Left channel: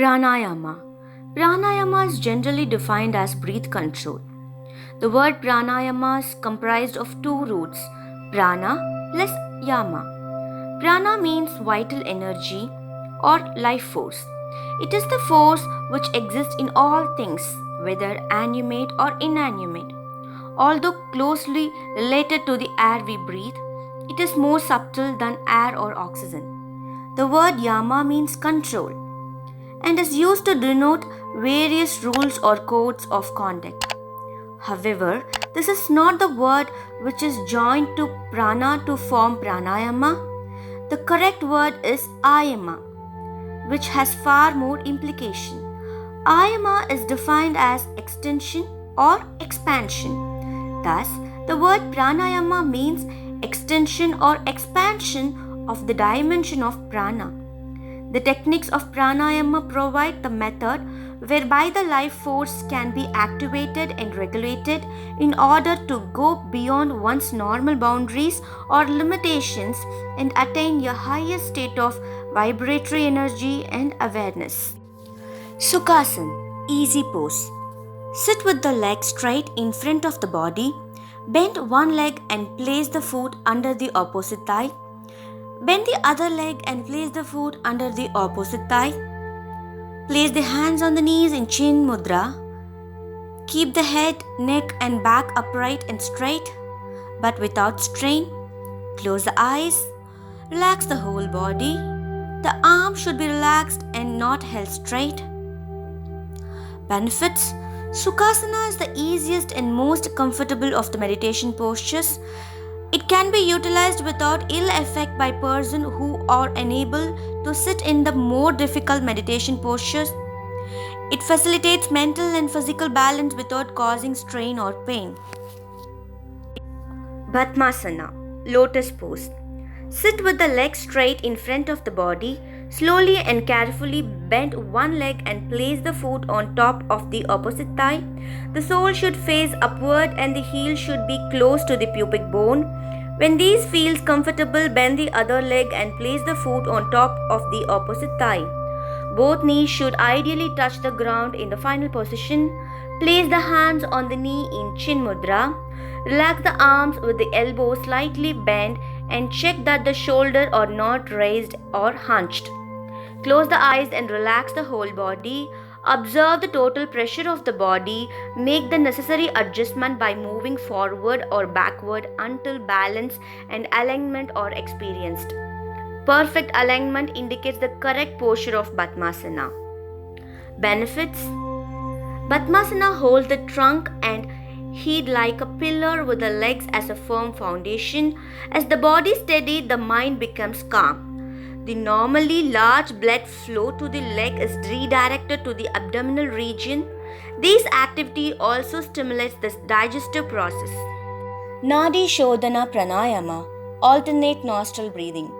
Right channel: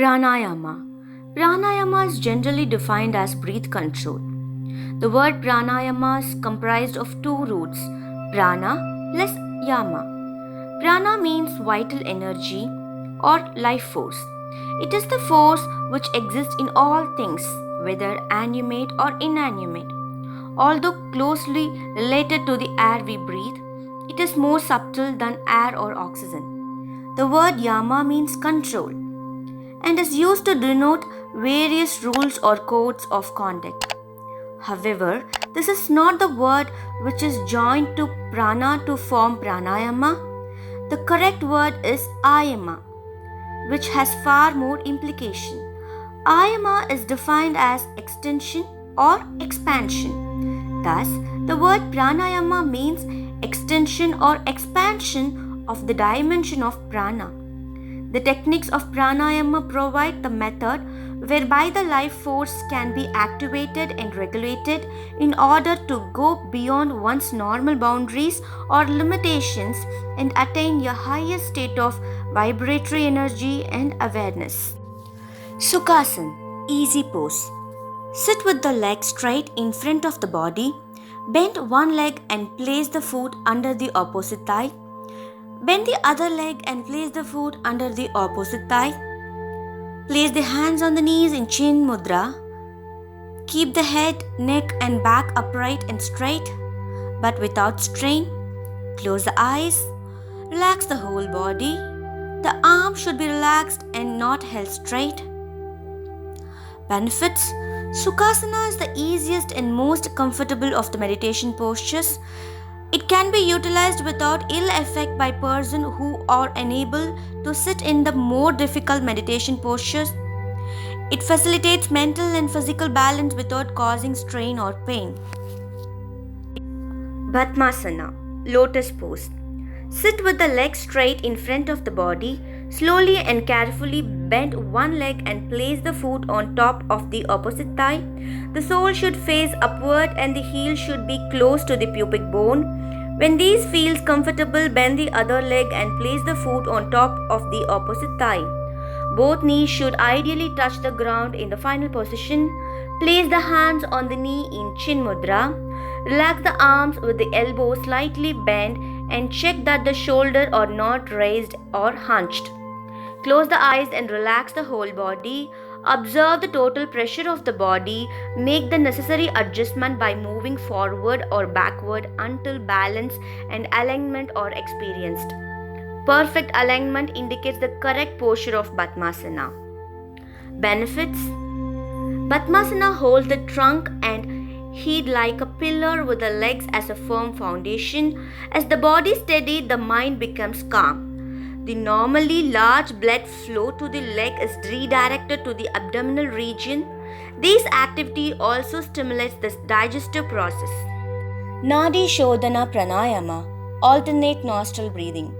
Pranayama. Pranayama is generally defined as breath control. The word pranayama is comprised of two roots, prana plus yama. Prana means vital energy or life force. It is the force which exists in all things, whether animate or inanimate. Although closely related to the air we breathe, it is more subtle than air or oxygen. The word yama means control and is used to denote various rules or codes of conduct. However, this is not the word which is joined to prana to form pranayama. The correct word is ayama, which has far more implication. Ayama is defined as extension or expansion. Thus, the word pranayama means extension or expansion of the dimension of prana. The techniques of pranayama provide the method whereby the life force can be activated and regulated in order to go beyond one's normal boundaries or limitations and attain a higher state of vibratory energy and awareness. Sukhasana, easy pose. Sit with the leg straight in front of the body. Bend one leg and place the foot under the opposite thigh. Bend the other leg and place the foot under the opposite thigh. Place the hands on the knees in Chin Mudra. Keep the head, neck and back upright and straight, but without strain. Close the eyes. Relax the whole body. The arms should be relaxed and not held straight. Benefits: Sukhasana is the easiest and most comfortable of the meditation postures. It can be utilized without ill effect by persons who are unable to sit in the more difficult meditation postures. It facilitates mental and physical balance without causing strain or pain. Padmasana, lotus pose. Sit with the legs straight in front of the body. Slowly and carefully bend one leg and place the foot on top of the opposite thigh. The sole should face upward and the heel should be close to the pubic bone. When these feels comfortable, bend the other leg and place the foot on top of the opposite thigh. Both knees should ideally touch the ground in the final position. Place the hands on the knee in Chin Mudra. Relax the arms with the elbows slightly bent and check that the shoulders are not raised or hunched. Close the eyes and relax the whole body. Observe the total pressure of the body. Make the necessary adjustment by moving forward or backward until balance and alignment are experienced. Perfect alignment indicates the correct posture of Padmasana. Benefits: Padmasana holds the trunk and head like a pillar with the legs as a firm foundation. As the body is steady, the mind becomes calm. The normally large blood flow to the leg is redirected to the abdominal region. This activity also stimulates the digestive process. Nadi Shodhana Pranayama, alternate nostril breathing.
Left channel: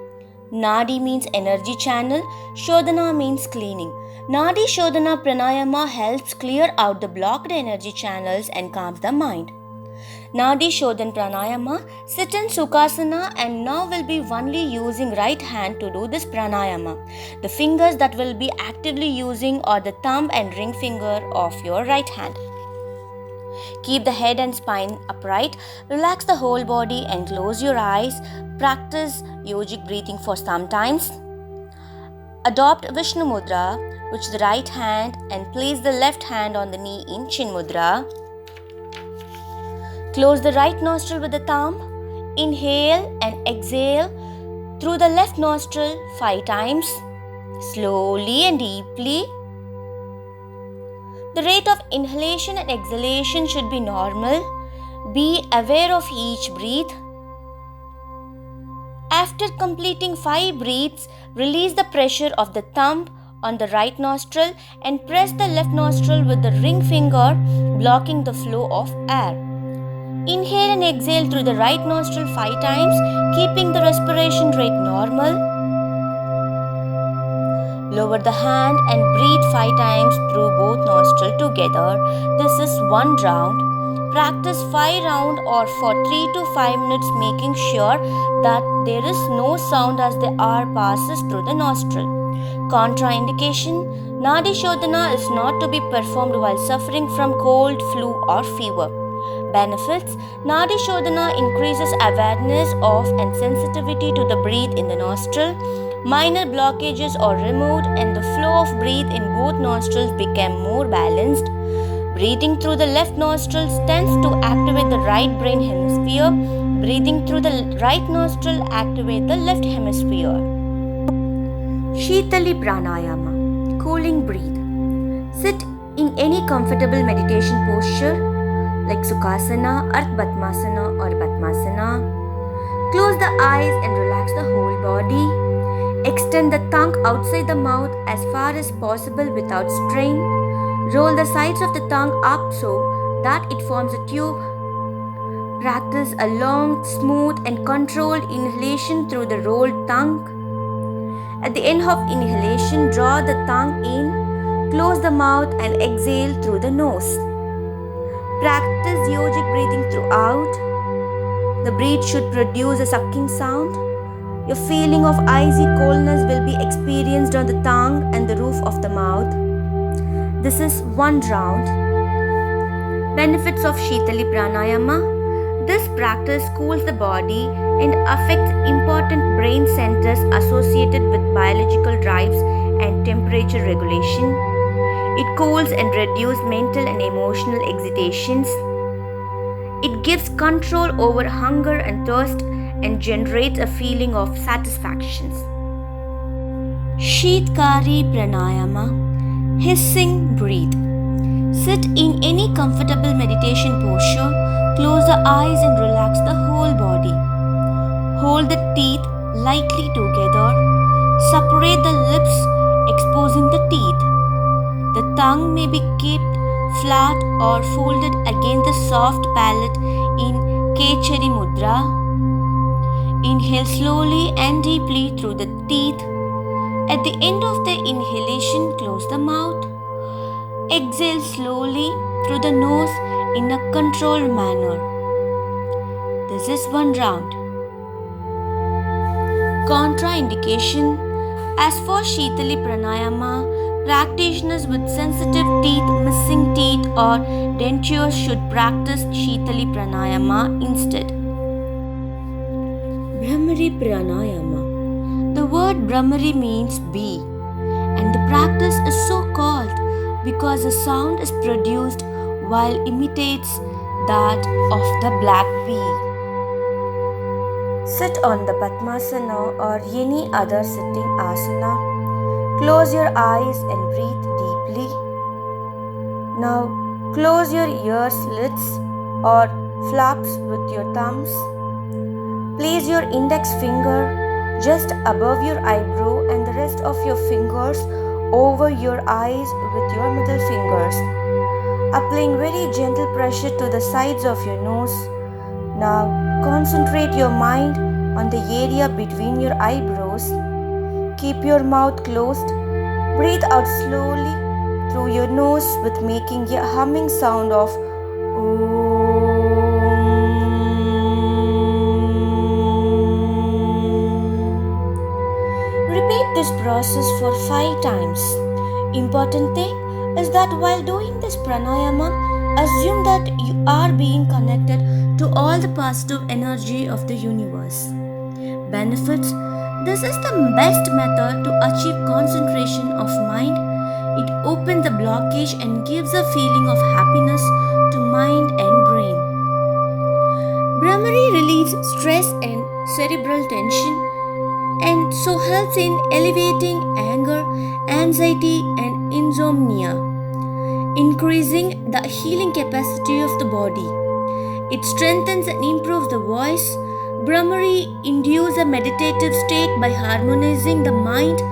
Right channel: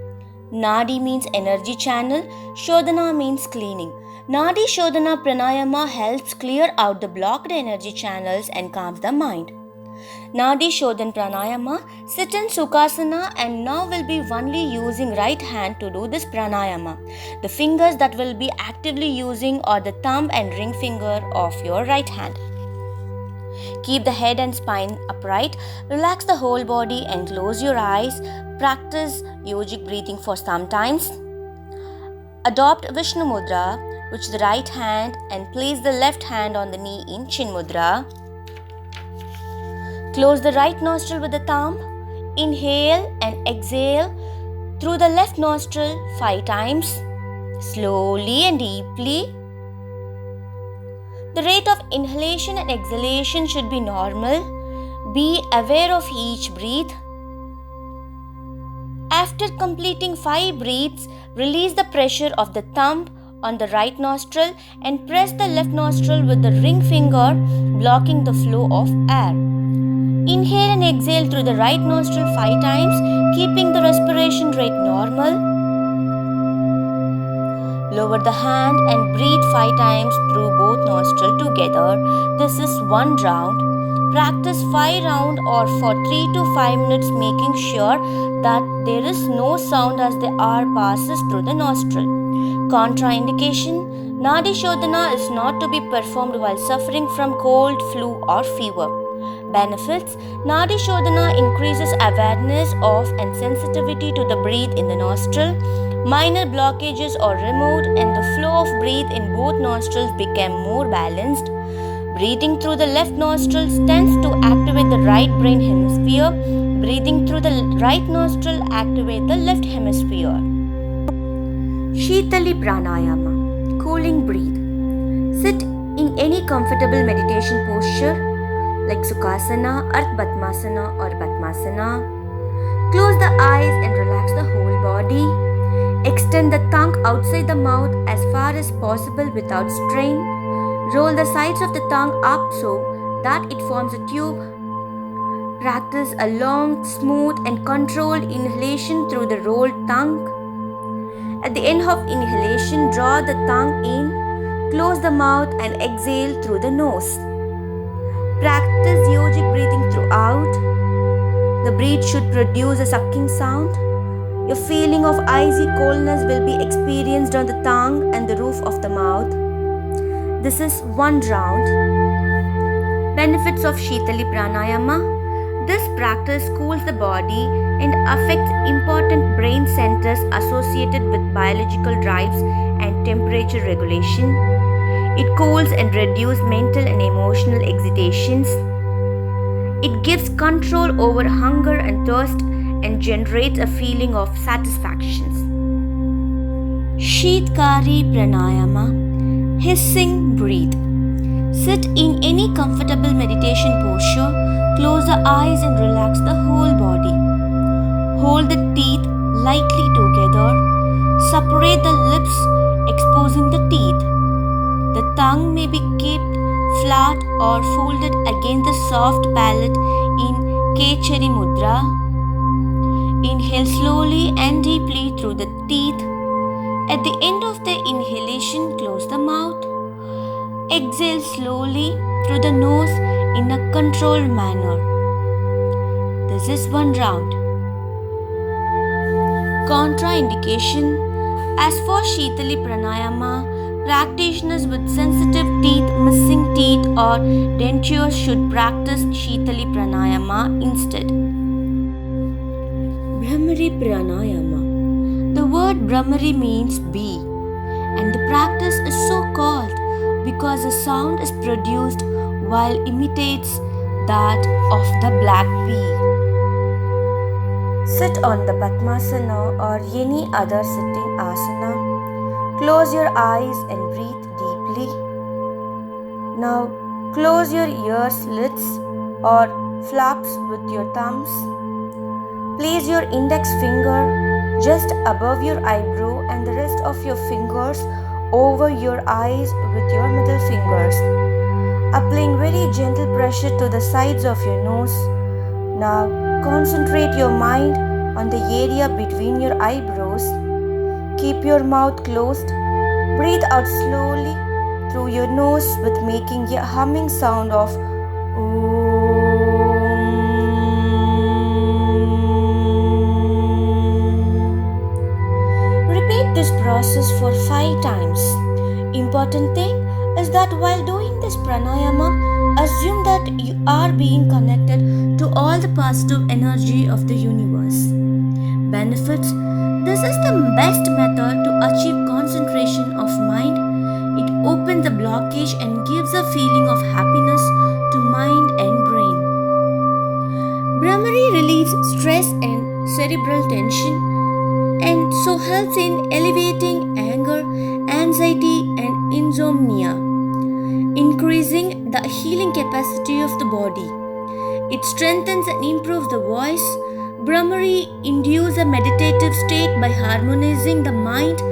Nadi means energy channel, Shodhana means cleaning. Nadi Shodhana Pranayama helps clear out the blocked energy channels and calms the mind. Nadi Shodhan Pranayama, sit in Sukhasana and now will be only using right hand to do this pranayama. The fingers that will be actively using are the thumb and ring finger of your right hand. Keep the head and spine upright, relax the whole body and close your eyes. Practice yogic breathing for some times. Adopt Vishnu Mudra, which is the right hand, and place the left hand on the knee in Chin Mudra. Close the right nostril with the thumb. Inhale and exhale through the left nostril 5 times, slowly and deeply. The rate of inhalation and exhalation should be normal. Be aware of each breath. After completing 5 breaths, release the pressure of the thumb on the right nostril and press the left nostril with the ring finger, blocking the flow of air. Inhale and exhale through the right nostril 5 times, keeping the respiration rate normal. Lower the hand and breathe 5 times through both nostrils together. This is 1 round. Practice 5 rounds or for 3 to 5 minutes, making sure that there is no sound as the air passes through the nostril. Contraindication: Nadi Shodhana is not to be performed while suffering from cold, flu, or fever. Benefits: Nadi Shodhana increases awareness of and sensitivity to the breath in the nostril. Minor blockages are removed and the flow of breath in both nostrils became more balanced. Breathing through the left nostril tends to activate the right brain hemisphere. Breathing through the right nostril activates the left hemisphere. Shitali Pranayama, cooling breath. Sit in any comfortable meditation posture like Sukhasana, Ardha Padmasana or Padmasana. Close the eyes and relax the whole body. Extend the tongue outside the mouth as far as possible without strain. Roll the sides of the tongue up so that it forms a tube. Practice a long, smooth and controlled inhalation through the rolled tongue. At the end of inhalation, draw the tongue in, close the mouth and exhale through the nose. Practice yogic breathing throughout. The breath should produce a sucking sound. Your feeling of icy coldness will be experienced on the tongue and the roof of the mouth. This is one round. Benefits of Shitali Pranayama. This practice cools the body and affects important brain centers associated with biological drives and temperature regulation. It cools and reduces mental and emotional excitations. It gives control over hunger and thirst and generates a feeling of satisfaction. Sheetkari Pranayama, hissing breath. Sit in any comfortable meditation posture, close the eyes and relax the whole body. Hold the teeth lightly together, separate the lips, exposing the teeth. The tongue may be kept flat or folded against the soft palate in Kechari Mudra. Inhale slowly and deeply through the teeth. At the end of the inhalation, close the mouth. Exhale slowly through the nose in a controlled manner. This is one round. Contraindication. As for Shitali Pranayama, practitioners with sensitive teeth, missing teeth or dentures should practice Shitali Pranayama instead. Brahmari Pranayama. The word Brahmari means bee, and the practice is so called because the sound is produced while imitates that of the black bee. Sit on the Padmasana or any other sitting asana. Close your eyes and breathe deeply. Now close your ear slits or flaps with your thumbs. Place your index finger just above your eyebrow and the rest of your fingers over your eyes with your middle fingers, applying very gentle pressure to the sides of your nose. Now concentrate your mind on the area between your eyebrows. Keep your mouth closed. Breathe out slowly through your nose with making a humming sound of Repeat this process for 5 times. Important thing is that while doing this pranayama, assume that you are being connected to all the positive energy of the universe. Benefits: this is the best method to achieve concentration of mind. It opens the blockage and gives a feeling of happiness to mind and brain. Brahmari relieves stress and cerebral tension and so helps in alleviating anger, anxiety and insomnia, increasing the healing capacity of the body. It strengthens and improves the voice. Brahmari induces a meditative state by harmonizing the mind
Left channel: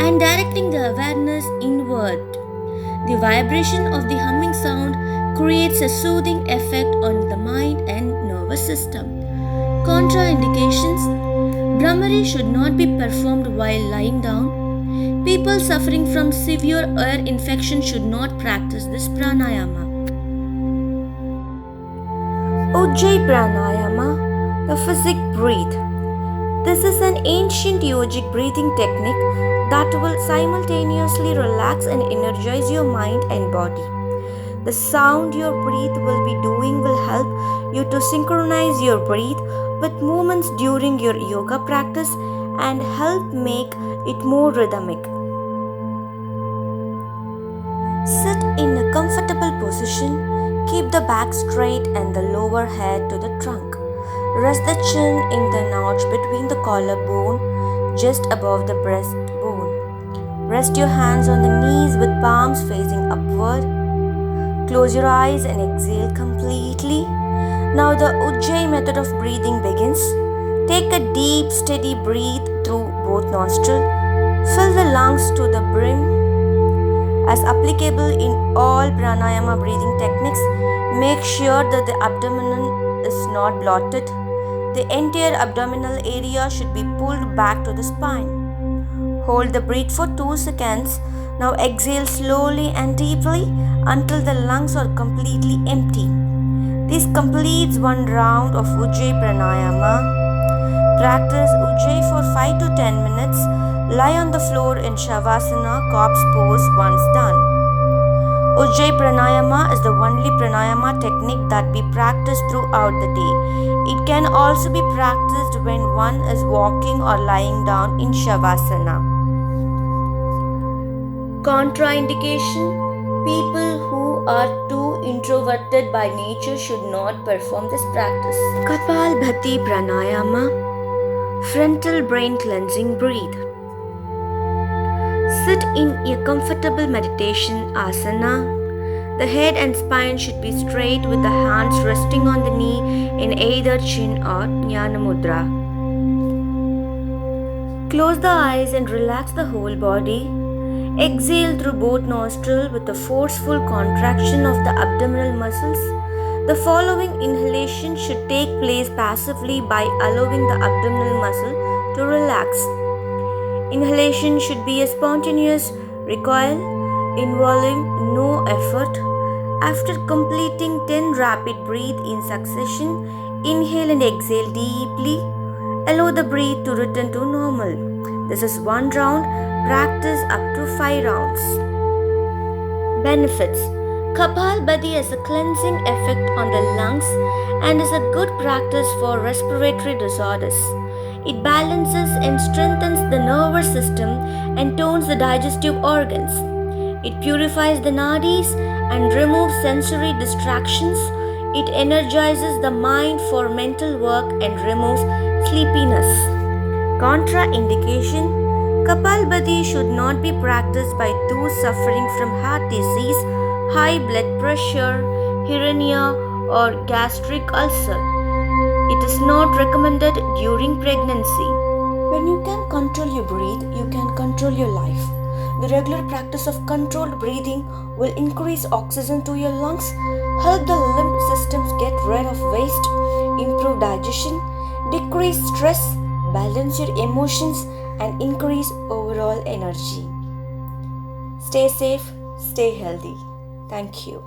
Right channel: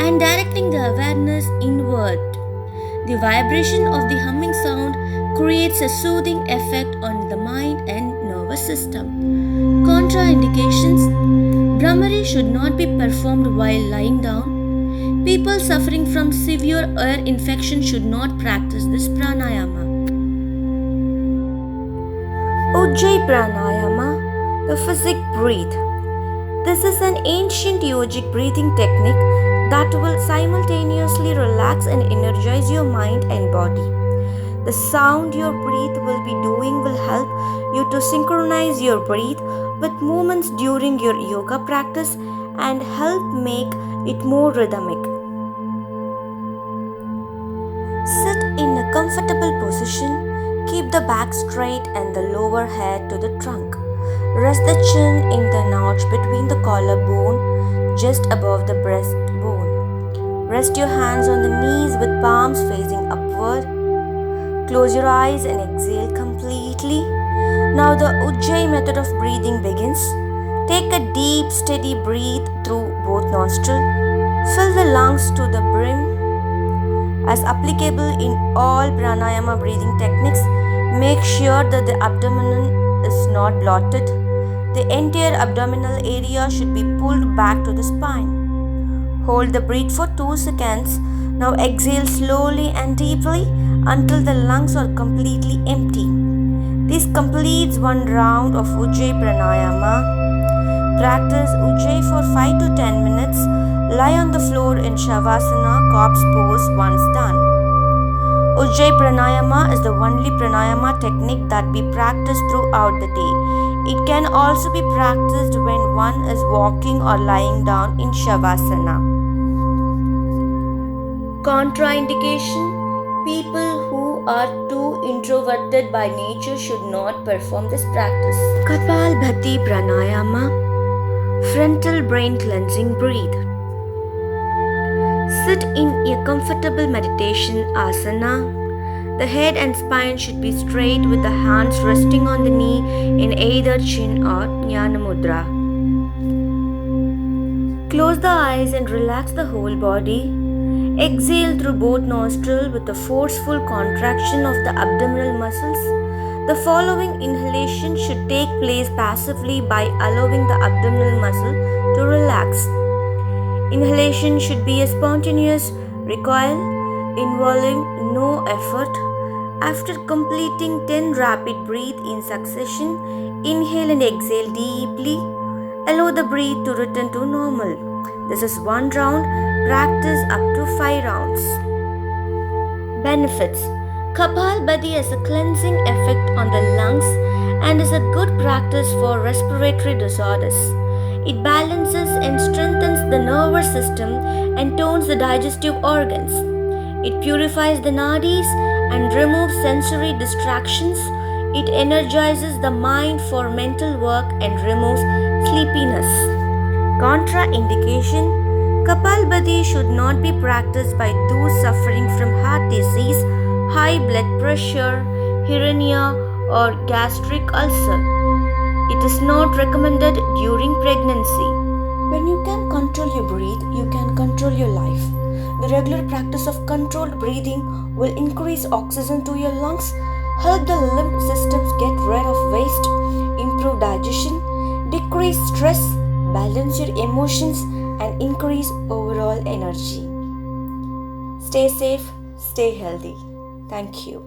and directing the awareness inward. The vibration of the humming sound creates a soothing effect on the mind and nervous system. Contraindications: Brahmari should not be performed while lying down. People suffering from severe ear infection should not practice this pranayama. Ujjayi Pranayama, the physic breath. This is an ancient yogic breathing technique that will simultaneously relax and energize your mind and body. The sound your breath will be doing will help you to synchronize your breath with movements during your yoga practice and help make it more rhythmic. Sit in a comfortable position. Keep the back straight and the lower head to the trunk. Rest the chin in the notch between the collarbone just above the breastbone. Rest your hands on the knees with palms facing upward. Close your eyes and exhale completely. Now the Ujjayi method of breathing begins. Take a deep, steady breath through both nostrils. Fill the lungs to the brim. As applicable in all pranayama breathing techniques, make sure that the abdomen is not bloated. The entire abdominal area should be pulled back to the spine. Hold the breath for 2 seconds. Now exhale slowly and deeply until the lungs are completely empty. This completes one round of Ujjayi Pranayama. Practice Ujjayi for 5 to 10 minutes. Lie on the floor in Shavasana, corpse pose once done. Ujjayi Pranayama is the only pranayama technique that we practice throughout the day. It can also be practiced when one is walking or lying down in Shavasana. Contraindication: people who are too introverted by nature should not perform this practice. Kapalbhati Pranayama, frontal brain cleansing breath. Sit in a comfortable meditation asana. The head and spine should be straight with the hands resting on the knee in either chin or Jnana Mudra. Close the eyes and relax the whole body. Exhale through both nostrils with a forceful contraction of the abdominal muscles. The following inhalation should take place passively by allowing the abdominal muscle to relax. Inhalation should be a spontaneous recoil involving no effort. After completing 10 rapid breaths in succession, inhale and exhale deeply. Allow the breath to return to normal. This is one round. Practice up to 5 rounds. Benefits: Kapalbhati has a cleansing effect on the lungs and is a good practice for respiratory disorders. It balances and strengthens the nervous system and tones the digestive organs. It purifies the nadis and removes sensory distractions. It energizes the mind for mental work and removes sleepiness. Contraindication: Kapalbhati should not be practiced by those suffering from heart disease, high blood pressure, hernia, or gastric ulcer. It is not recommended during pregnancy. When you can control your breath, you can control your life. The regular practice of controlled breathing will increase oxygen to your lungs, help the lymph systems get rid of waste, improve digestion, decrease stress, balance your emotions, and increase overall energy. Stay safe, stay healthy. Thank you.